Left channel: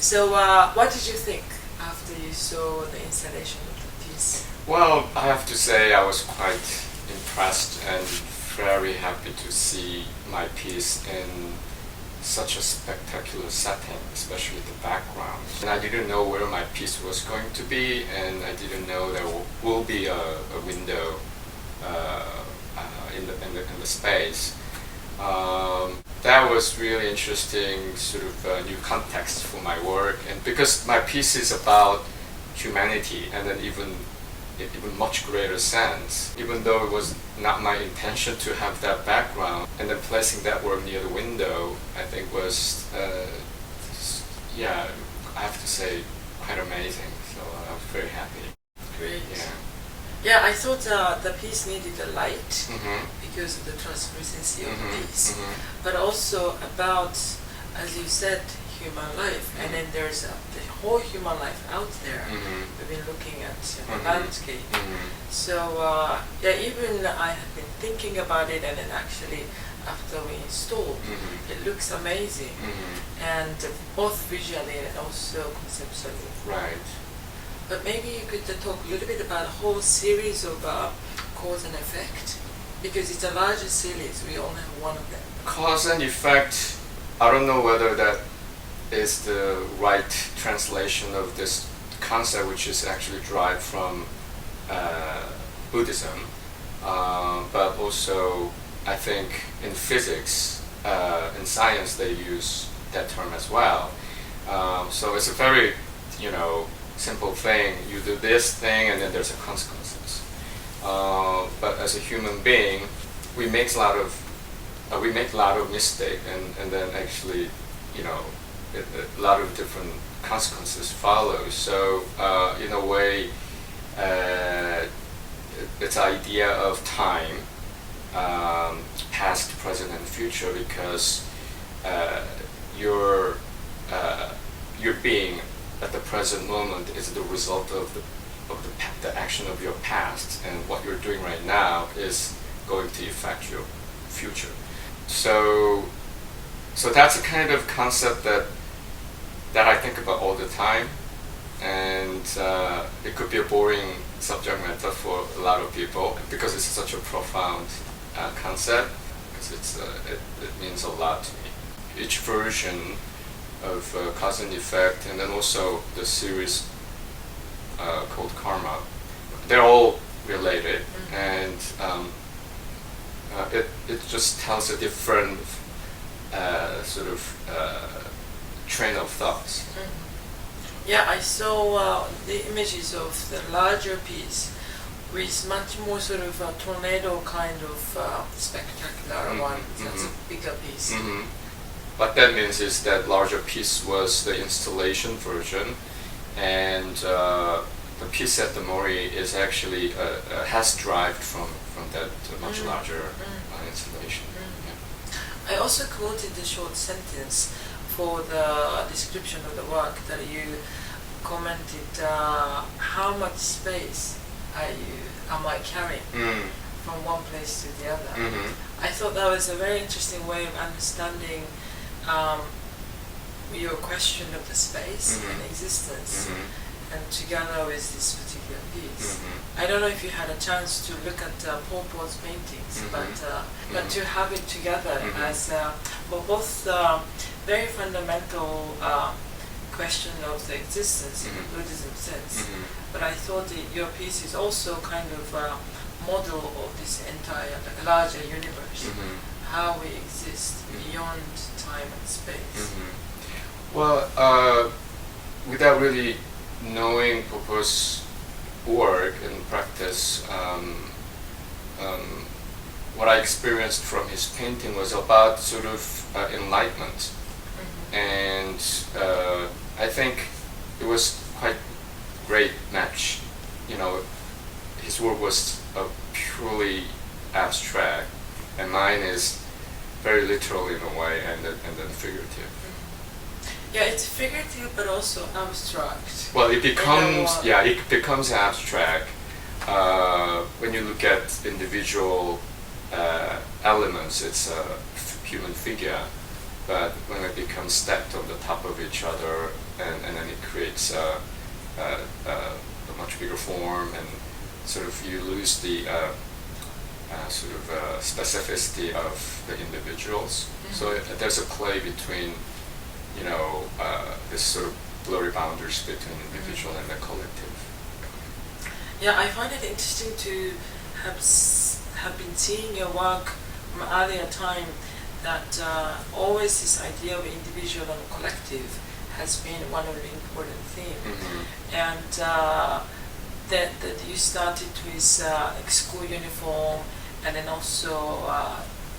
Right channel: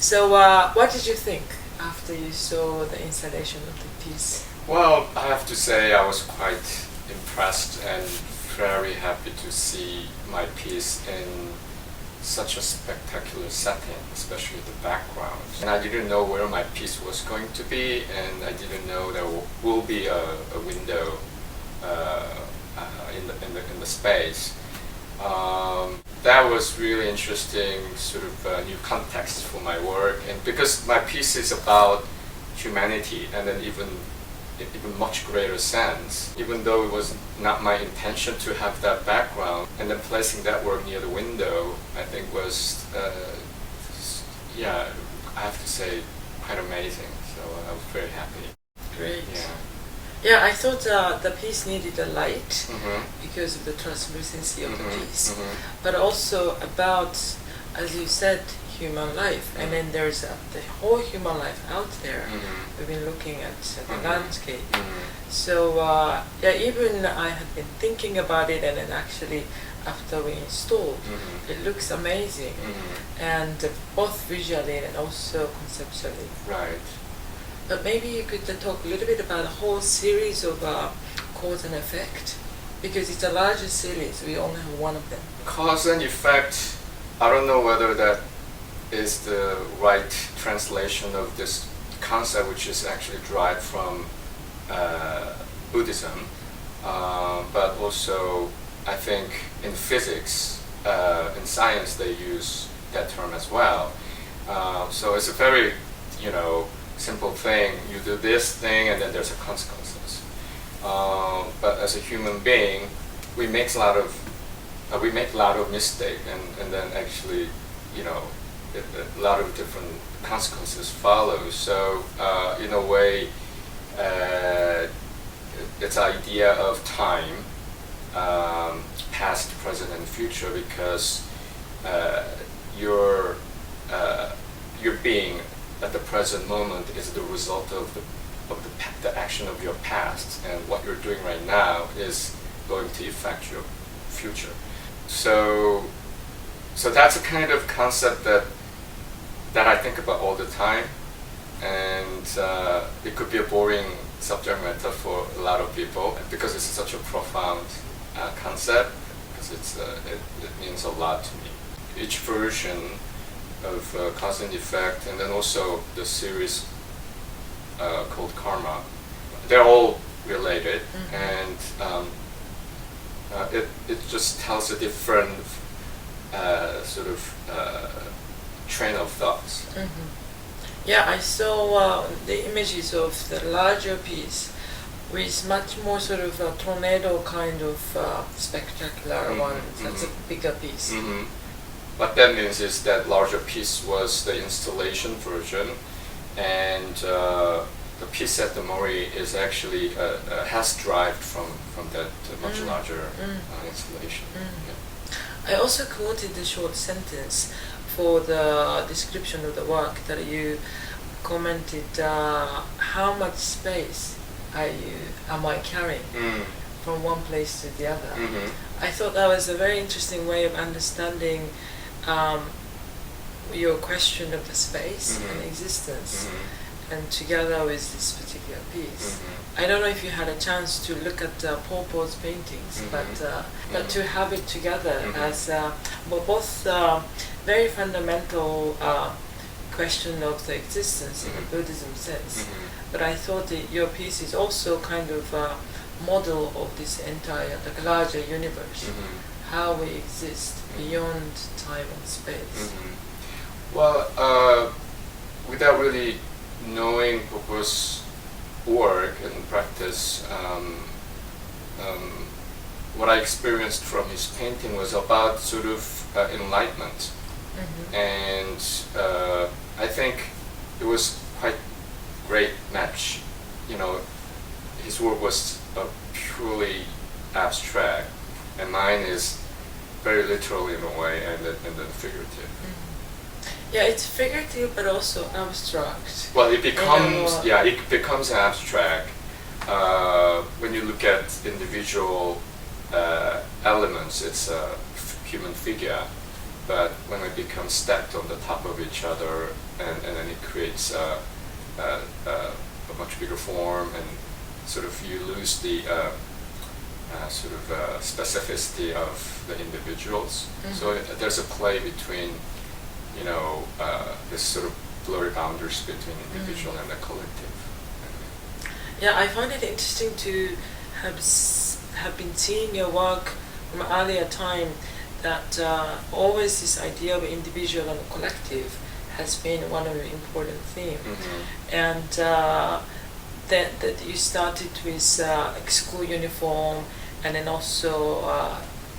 So, what did you think after you saw the installation of the piece? Well, I have to say I was quite impressed and very happy to see my piece in such a spectacular setting, especially the background. And I didn't know where my piece was going to be, and I didn't know there will be a window in the space. That was really interesting, sort of new context for my work, and because my piece is about humanity, and then even much greater sense, even though it was not my intention to have that background, and then placing that work near the window, I think was, I have to say, quite amazing. So I was very happy. Great. Yeah. Yeah, I thought the piece needed a light Mm-hmm. because of the translucency of the Mm-hmm. piece, Mm-hmm. but also about, as you said, human life. And then there's the whole human life out there. Mm-hmm. We've been looking at the Mhm. landscape. Mm-hmm. So even I had been thinking about it, and then actually after we installed, Mm-hmm. it looks amazing, Mm-hmm. and both visually and also conceptually. Right. But maybe you could talk a little bit about a whole series of cause and effect, because it's a larger series. We only have one of them. Cause and effect, I don't know whether that is the right translation of this concept, which is actually derived from Buddhism, but also I think in physics, in science, they use that term as well. So it's a very, simple thing. You do this thing, and then there's a consequences. But as a human being, we make a lot of mistake, and then actually, a lot of different consequences follow. So in a way, it's the idea of time, past, present, and future, because your being at the present moment is the result of the action of your past, and what you're doing right now is going to affect your future. So that's a kind of concept that I think about all the time, and it could be a boring subject matter for a lot of people because it's such a profound concept, because it means a lot to me. Each version of cause and effect, and then also the series called karma, they're all related, and it just tells a different sort of train of thoughts. Yeah, I saw the images of the larger piece with much more sort of a tornado kind of spectacular one. That's a bigger piece. What that means is that larger piece was the installation version, and the piece at the Mori is actually has derived from that much larger installation. Yeah. I also quoted the short sentence for the description of the work that you commented, how much space am I carrying from one place to the other. I thought that was a very interesting way of understanding your question of the space and existence, and together with this particular piece. I don't know if you had a chance to look at Paul Paul's paintings, but to have it together as both very fundamental question of the existence in the Buddhism sense, but I thought that your piece is also kind of a model of this entire, the larger universe, how we exist beyond time and space. Well, without really knowing Popo's work and practice, what I experienced from his painting was about sort of enlightenment, and I think it was quite great match. His work was purely abstract, and mine is very literal in a way, and then figurative. Yeah, it's figurative but also abstract. Well, it becomes abstract when you look at individual elements. It's a human figure, but when it becomes stacked on the top of each other and then it creates a much bigger form, and sort of you lose the specificity of the individuals. Mm-hmm. So there's a play between, this sort of blurry boundaries between individual and the collective. Yeah, I find it interesting to have been seeing your work from earlier time, that always this idea of individual and collective has been one of the important themes. Mm-hmm. And that you started with school uniform, and then also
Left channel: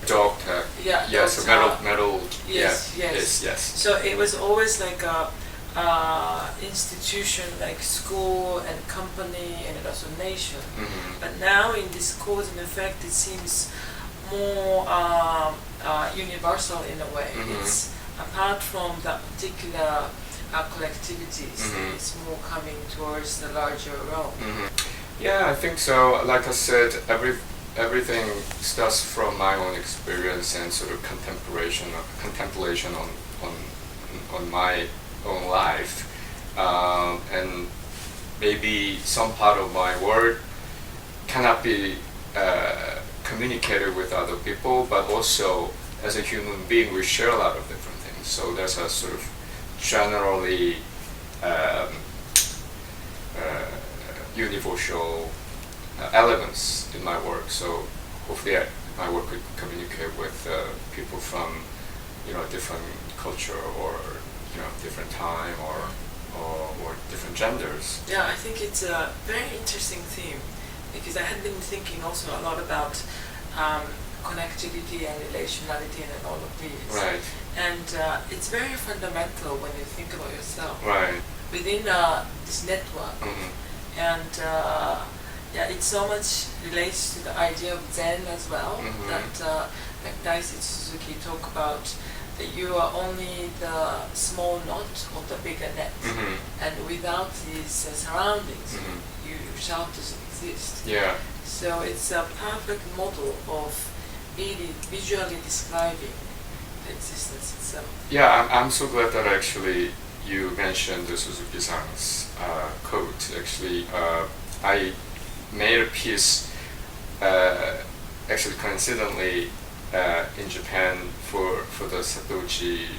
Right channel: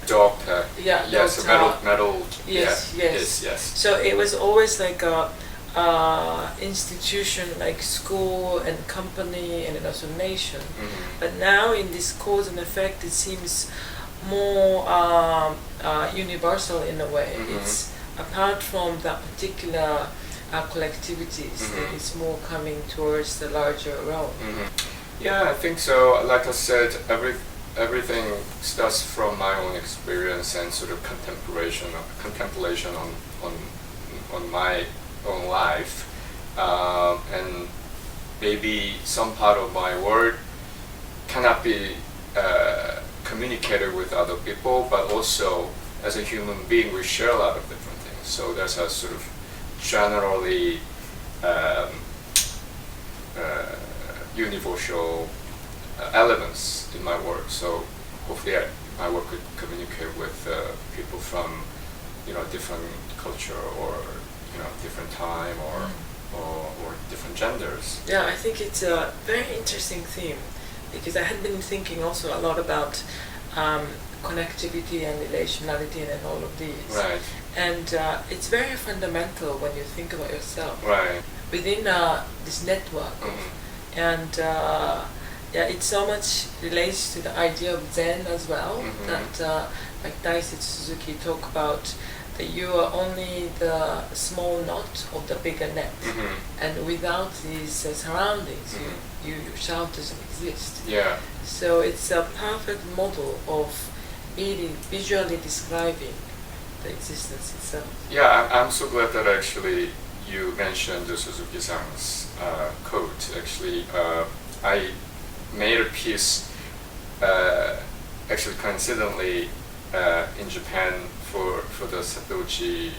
Dog tag. Yeah, yes, dog metal. Yes, yeah, yes. yes. So it was always like a institution like school and company and also nation. Mm-hmm. But now in this cause and effect, it seems more universal in a way. Mm-hmm. It's apart from that particular collectivities, Mm-hmm. it's more coming towards the larger realm. Mm-hmm. Yeah, I think so. Like I said, everything starts from my own experience and sort of contemplation on my own life, and maybe some part of my work cannot be communicated with other people, but also as a human being we share a lot of different things. So there's a sort of generally universal elements in my work. So hopefully my work could communicate with people from different culture, or different time, or different genders. Yeah, I think it's a very interesting theme, because I had been thinking also a lot about connectivity and relationality and all of these. Right. And it's very fundamental when you think about yourself. Right. Within this network. Mm-hmm. And yeah, it so much relates to the idea of Zen as well. Mm-hmm. That like Daisetsu Suzuki talk about that you are only the small knot of the bigger net. Mm-hmm. And without these surroundings, Mm-hmm. you yourself doesn't exist. Yeah. So it's a perfect model of really visually describing the existence itself. Yeah, I'm so glad that actually you mentioned the Suzuki-san's quote. Actually, I made a piece, actually coincidentally, in Japan for the Satochi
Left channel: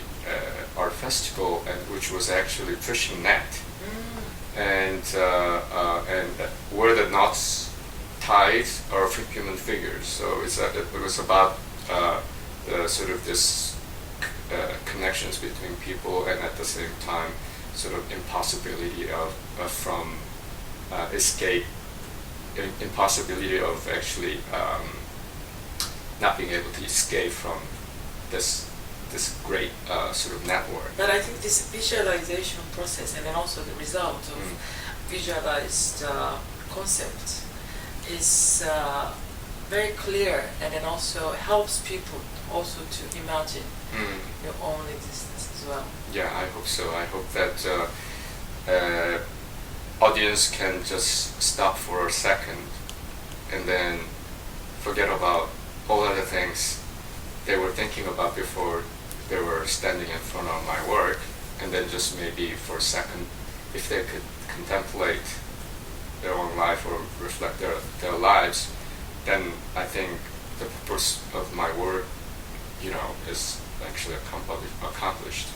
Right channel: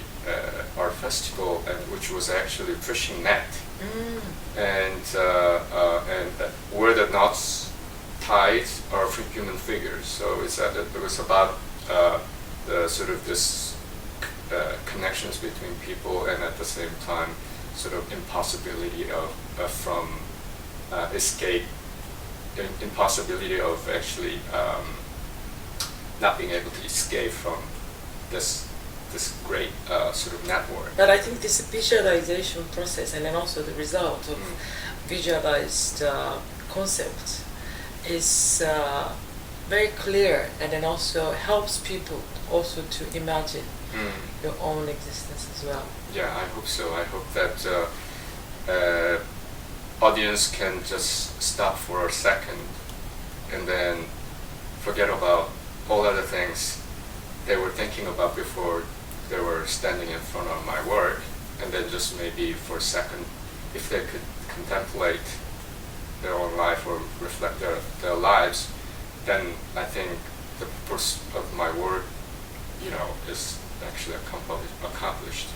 Art Festival, and which was actually fishing net, and where the knots tied are human figures. So it was about the sort of this connections between people, and at the same time sort of impossibility of from escape, impossibility of actually not being able to escape from this great sort of network. But I think this visualization process, and then also the result of visualized concept, is very clear, and then also helps people also to imagine your own existence as well. Yeah, I hope so. I hope that audience can just stop for a second and then forget about all other things they were thinking about before they were standing in front of my work, and then just maybe for a second, if they could contemplate their own life or reflect their lives, then I think the purpose of my work, is actually accomplished.